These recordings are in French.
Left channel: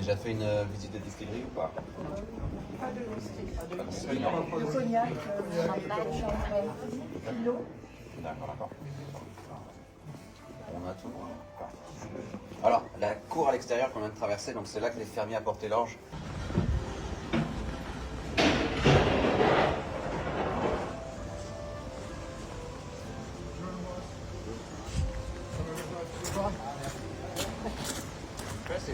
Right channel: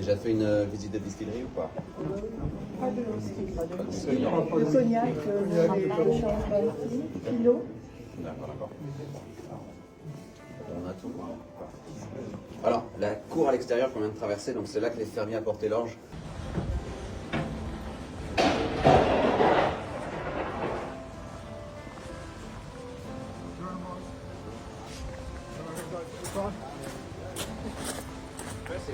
Déjà fait une visite de distillerie ou pas? Pas de whisky. Pas de whisky. Le cognac, le champagne, kilo. D'accord. On a tout. Alors, la cour à l'extérieur qu'on vient de traverser, donc c'est là que les fermiers apportaient l'orge. Merci.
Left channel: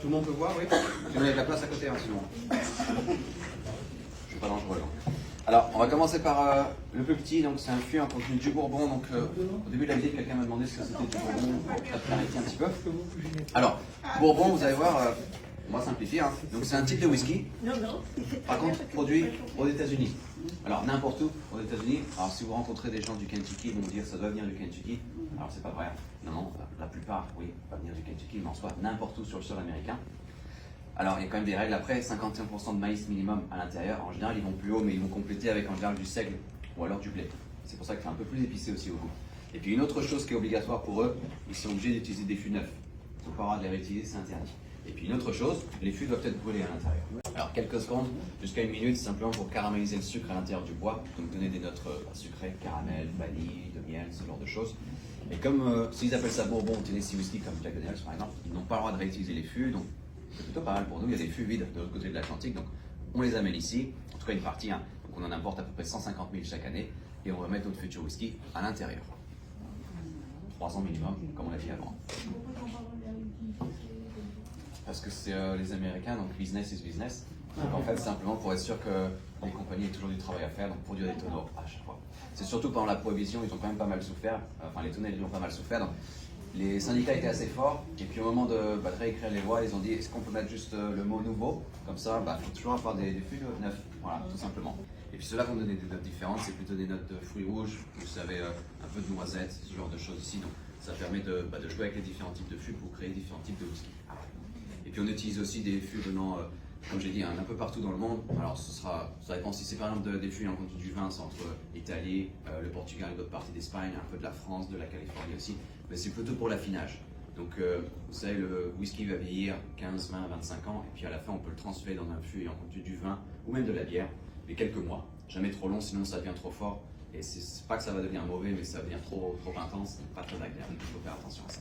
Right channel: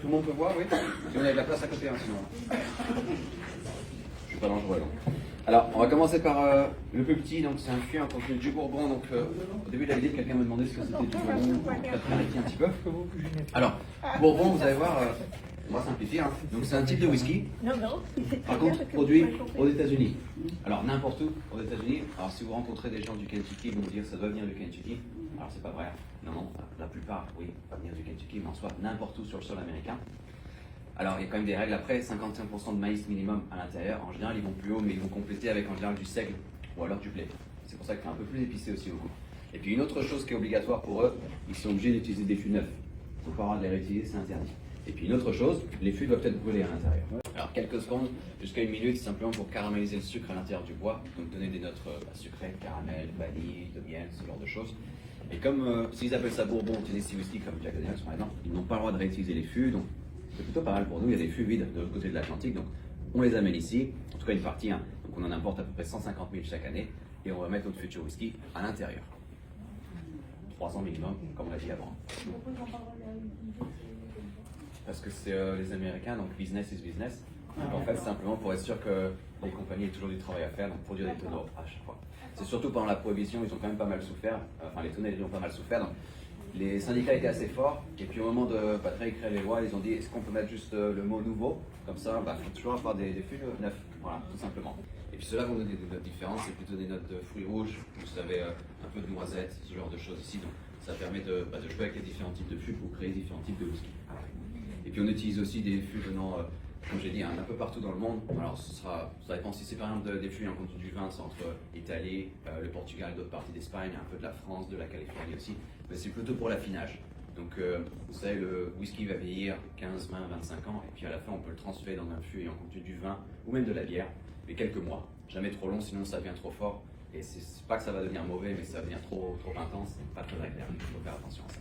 Tout le monde peut voir, oui. Si on a de la place à côté, hein, sinon. Je suis pas dangereux. Donc. Alors, on va commencer par le plus petit. Donc, c'est un fût, un contenu du Bourbon. Donc, au début de la vidéo, quelqu'un m'a demandé ce que c'était du Bourbon. Peut-être un petit peu. Alors, Bourbon, vous allez voir, on va simplifier. Hein. Donc, c'est un type de whisky. Par contre, produit aux États-Unis. Alors, n'importe où aux États-Unis. Alors, si vous rencontrez des gens du Kentucky, ils vont vous dire ça doit venir du Kentucky. Alors, c'est pas vrai. Non, enfin, la plupart, oui, ça va venir du Kentucky, mais en soit n'importe où sur le sol américain. Alors, il y a quand même des règles après, 55% de maïs minimum à l'intérieur. En général, ils vont plus haut, mais ils vont compléter avec en général du seigle ou alors du blé. C'est pour ça que c'est un peu plus épicé aussi au goût. Et puis, une autre chose qui est obligatoire pour eux, ils sont obligés d'utiliser des fûts neufs. Il ne faut pas avoir de les réutiliser, c'est interdit. Et puis, une autre chose, les fûts doivent être brûlés à l'intérieur. Alors, quelques secondes, jusqu'à 1 minute, simplement pour caraméliser le sucre à l'intérieur du bois, donc donner des notes sucrées, caramel, vanille, de miel, ce genre de choses. Et comme s'ils appellent ça Bourbon ou Tennessee Whiskey, comme Jack Daniels par exemple, ils n'ont pas le droit de réutiliser les fûts, donc c'est plutôt pas mal pour nous. Il y a des fûts vides de l'autre côté de l'Atlantique, donc on les amène ici, en tout cas une partie, hein. Donc on en importe à peu près 150 000 chaque année, et on va mettre notre futur whisky à l'intérieur. 300 minimum, comme on l'a dit avant. Parce que c'est les Américains, donc business is business. Donc en fait, simplement pour être sûr que les compagnies aient toujours du travail à faire, donc produire des tonneaux à chaque fois. C'est surtout pendant la prohibition, ils ont quand même pas mal souffert, enfin les tonneliers ont pas mal souffert. Donc, les syndicats étaient assez forts, et puis au moment de réécrire les lois, ils ont dit est-ce qu'on peut mettre juste le mot nouveau, comme ça, il faut toujours avoir des fûts neufs, voilà, tout simplement. Et puis ceux-là vont donner des notes différentes, c'est plutôt des notes de fruits rouges, vous savez, un peu de noisettes, ce genre de choses ici. Donc ça permet de jouer avec les différents types de fûts pour créer différents types de whisky. Et puis on utilise aussi des fûts venant, comme j'ai dit, un peu partout dans le monde. Alors ça dépend si c'est par exemple des fûts en contenu du vin, c'est entre l'Italie, le Portugal et d'autres parties d'Espagne, un peu de la France, de la Californie aussi. Mais c'est plutôt pour l'affinage. Donc vous savez, le whisky va vieillir 15, 20, 25 ans, et puis à la fin on peut le transférer dans un fût en contenu du vin ou même de la bière, mais quelques mois. Jamais trop long, sinon ça devient trop fort. Et c'est pas que ça va devenir mauvais, mais ça va devenir trop intense, c'est pas très agréable. Il faut faire attention à ça.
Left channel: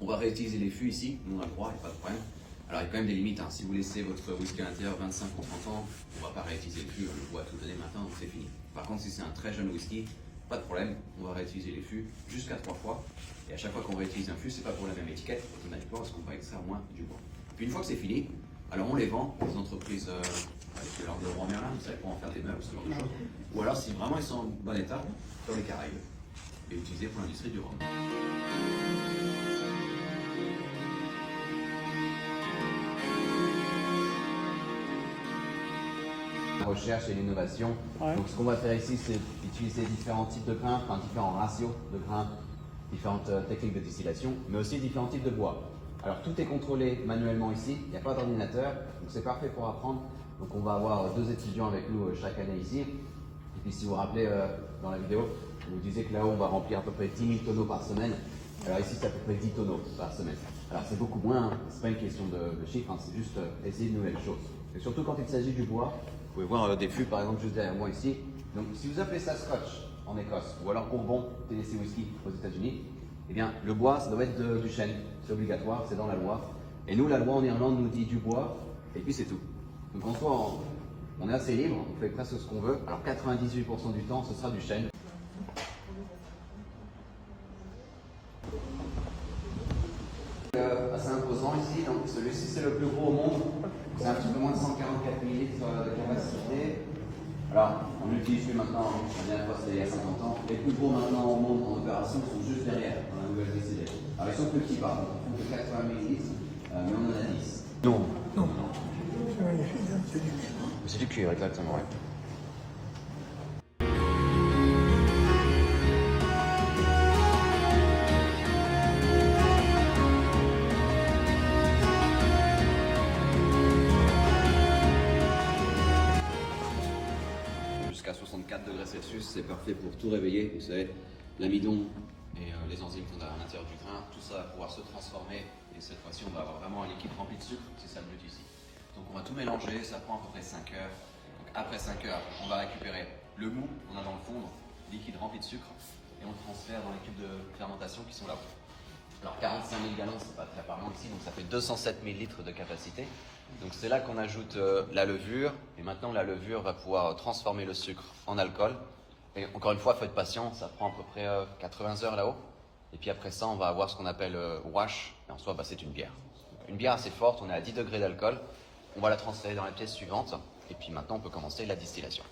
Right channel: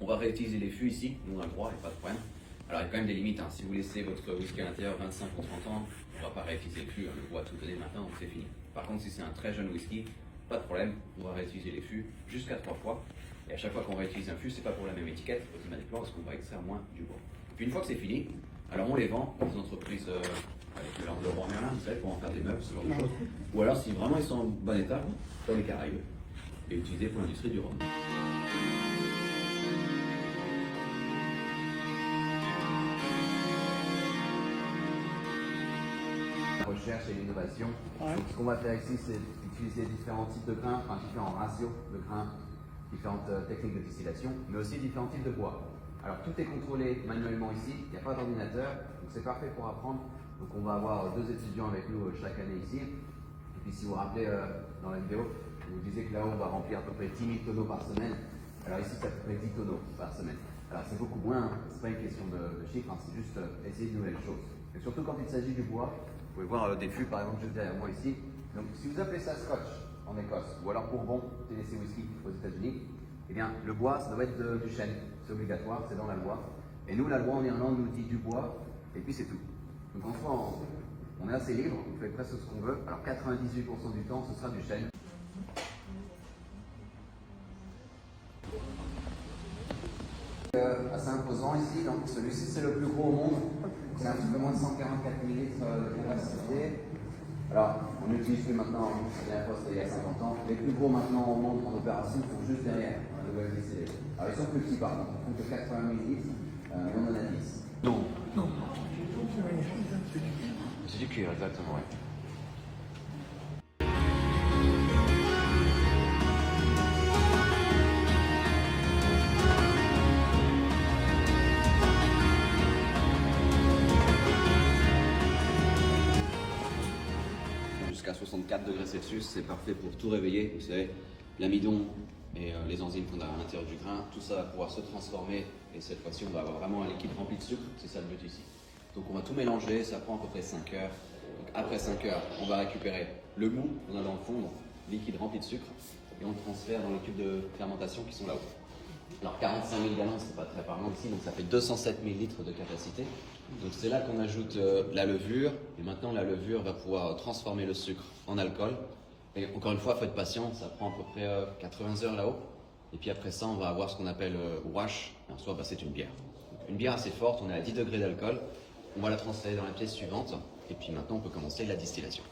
On va réutiliser les fûts ici, nous on a le droit, il n'y a pas de problème. Alors il y a quand même des limites, hein. Si vous laissez votre whisky à l'intérieur 25 ou 30 ans, on ne va pas réutiliser le fût, on le voit tout donner maintenant, donc c'est fini. Par contre, si c'est un très jeune whisky, pas de problème, on va réutiliser les fûts jusqu'à 3 fois. Et à chaque fois qu'on réutilise un fût, c'est pas pour la même étiquette, automatiquement, parce qu'on va extraire moins du bois. Puis une fois que c'est fini, alors on les vend aux entreprises avec de l'or de roi Merlin, vous savez, pour en faire des meubles, ce genre de choses. Ou alors, si vraiment ils sont en bon état, sur les Caraïbes, et utilisés pour l'industrie du rhum. La recherche et l'innovation. Ouais. Donc ce qu'on va faire ici, c'est utiliser différents types de grains, enfin différents ratios de grains, différentes techniques de distillation, mais aussi différents types de bois. Alors tout est contrôlé manuellement ici, il n'y a pas d'ordinateur, donc c'est parfait pour apprendre. Donc on va avoir 2 étudiants avec nous chaque année ici. Et puis si vous vous rappelez dans la vidéo, je vous disais que là-haut on va remplir à peu près 10 000 tonneaux par semaine. Alors ici c'est à peu près 10 tonneaux par semaine. Alors c'est beaucoup moins, c'est pas une question de chiffres, hein, c'est juste essayer de nouvelles choses. Et surtout quand il s'agit du bois, vous pouvez voir des fûts par exemple juste derrière moi ici. Donc si vous appelez ça Scotch en Écosse ou alors Bourbon TDC Whisky aux États-Unis, eh bien le bois ça doit être du chêne, c'est obligatoire, c'est dans la loi. Et nous la loi en Irlande nous dit du bois et puis c'est tout. Donc en soi on est assez libre, on fait presque ce qu'on veut. Alors 98% du temps ce sera du chêne. Assez imposant ici, donc celui-ci c'est le plus gros au monde. C'est un petit peu moins de 144 ml de capacité. Alors, on l'utilise plus maintenant, la dernière fois c'était il y a 50 ans. Les plus gros maintenant au monde en opération sont juste derrière, dans la nouvelle distillerie. Alors ils sont petits par contre, ils font de 80 ml, mais on en a 10. Non, non. C'est du cuir, exactement. Jusqu'à 64 degrés Celsius, c'est parfait pour tout réveiller. Vous savez, l'amidon et les enzymes qu'on a à l'intérieur du grain, tout ça va pouvoir se transformer. Et cette fois-ci, on va avoir vraiment un liquide rempli de sucre. C'est ça le but ici. Donc on va tout mélanger, ça prend à peu près 5 heures. Donc après 5 heures, on va récupérer le mou, on a dans le fond, liquide rempli de sucre, et on le transfère dans les tubes de fermentation qui sont là-haut. Alors 45 000 gallons, c'est pas très parlant ici, donc ça fait 207 000 litres de capacité. Donc c'est là qu'on ajoute la levure, et maintenant la levure va pouvoir transformer le sucre en alcool. Et encore une fois, il faut être patient, ça prend à peu près 80 heures là-haut. Et puis après ça, on va avoir ce qu'on appelle wash, et en soi, c'est une bière. Une bière assez forte, on est à 10 degrés d'alcool. On va la transférer dans la pièce suivante, et puis maintenant on peut commencer la distillation.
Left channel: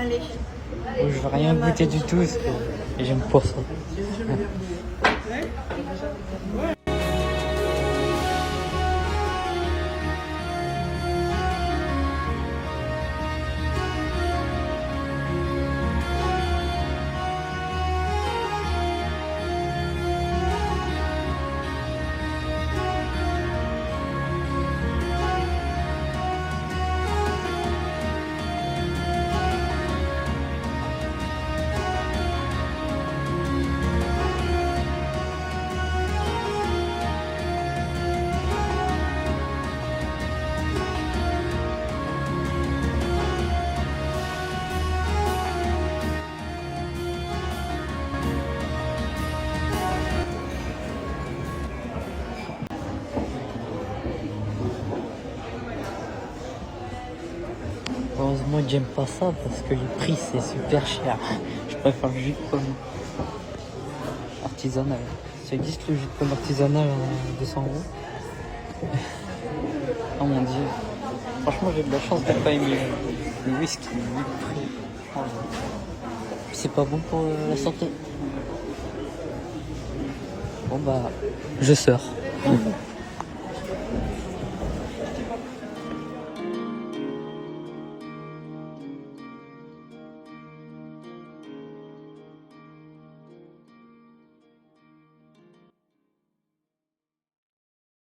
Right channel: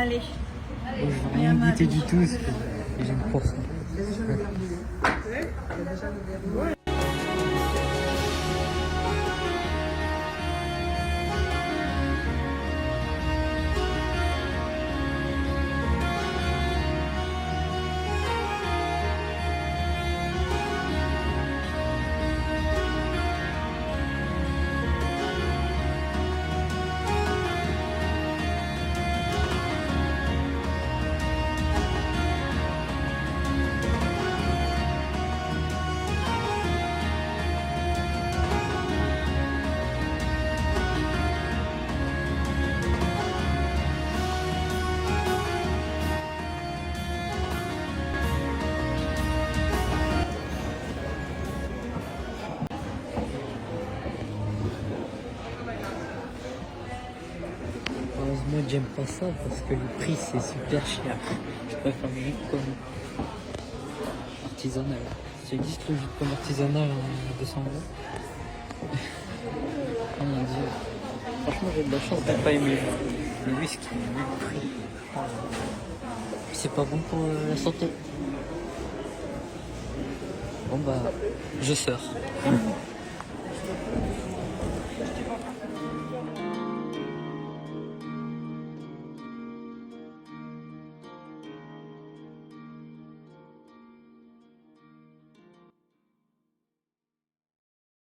Allez. Je veux rien goûter du tout parce que j'aime pas ça. Heureusement que j'aime pas ça parce que les prix c'est super cher. Je préfère le jus de pomme artisanal. Ça existe le jus de pomme artisanal à 200 €. Oh mon dieu. Franchement j'ai de la chance de pas aimer le whisky, ni le prix. Oh, c'est pas bon pour la santé. Bon bah je sors.